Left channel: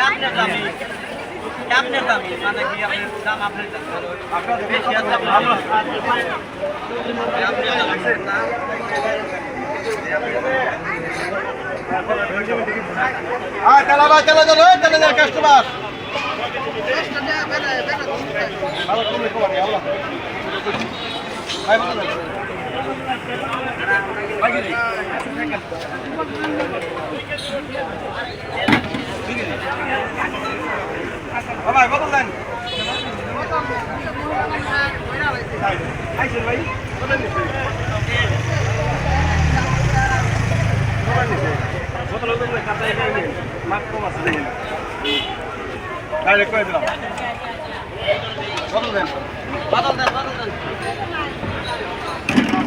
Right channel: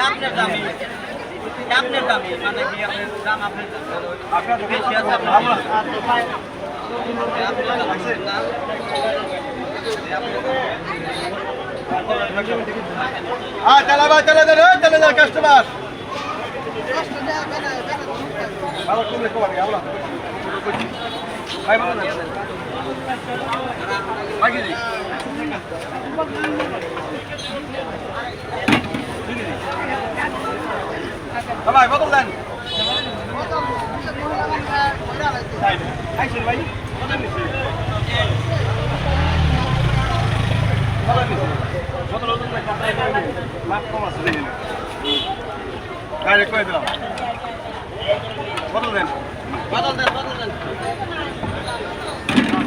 আপনার দামি আপনার দামি মানে কি আপনার দাম আপনার দাম আপনার বেশি আছে আপনার এই আপনার দাম। হ্যাঁ চালা ভাই চালা যান চালা যান কাস্টমার ভাই না। ভাই কি ভাই বদল দেন? ভাই। ডাইরেক্ট করে দিলাম। বদল দেন? বদল দেন বদল দেন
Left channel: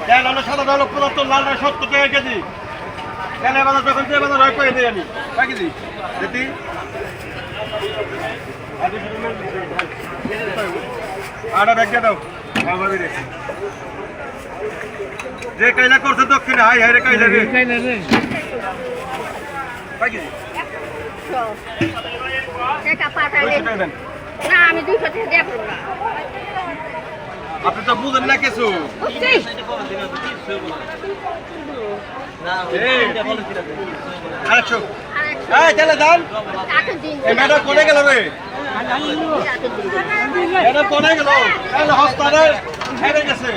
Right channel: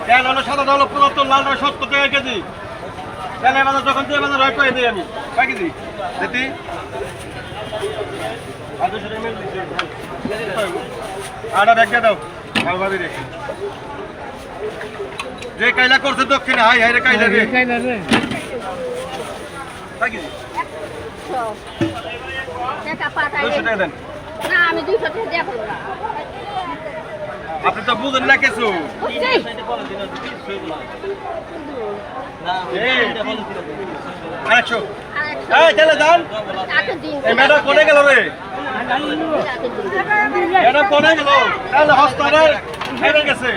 কেন হলো সাদা হলো পঁচাত্তর লাল সত্তর টাকা কেজি। কেন বাজার যখন দিয়ে বাজার রয় করে দিই আমি? কয় কেজি? যেটি? আটা ব্যাগ দিয়ে দাও। ভালো ভাবে রে যে কাইলা করছে দক্ষিণে হাই হাই রে কাইলা রে। কয় কেজি? টাকা পাঠাই দুইশো টাকা দেন। না আমি দুইশো টাকা দেবো না। আপনি তো বুঝেন না কিছু। ম্যাডাম কোনে গেল রে? ম্যাডাম কোনে গেল? তাহলে হেরে গেছে।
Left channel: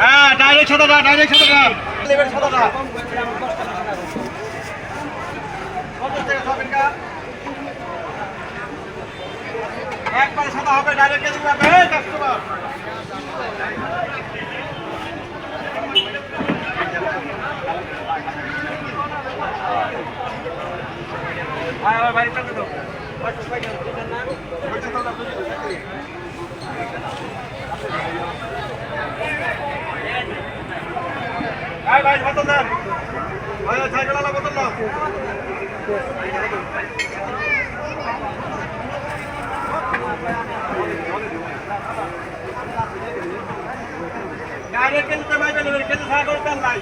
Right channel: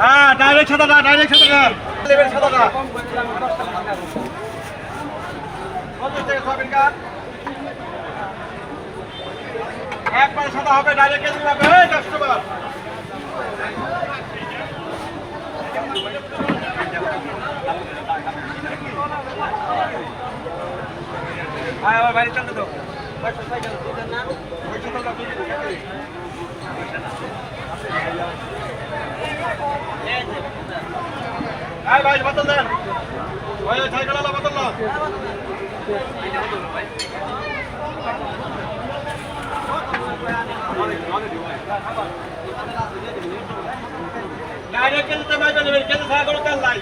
হ্যাঁ ডাইরেক্ট সাদাটা ডাইরেক্ট সাদাটা লেবের সাদাটা একবারে সাদা হবে ডাইরেক্ট কেজি এই কাস্টমার আয়, আবার বাইরে চালতে দাও। আয় ভাই, বোতল দেন। ওই সাইকেল আলা বোতল না ডাইরেক্ট কেজিতে आरोग्य समाज में निवेदन केंद्र सरकार को कल लाई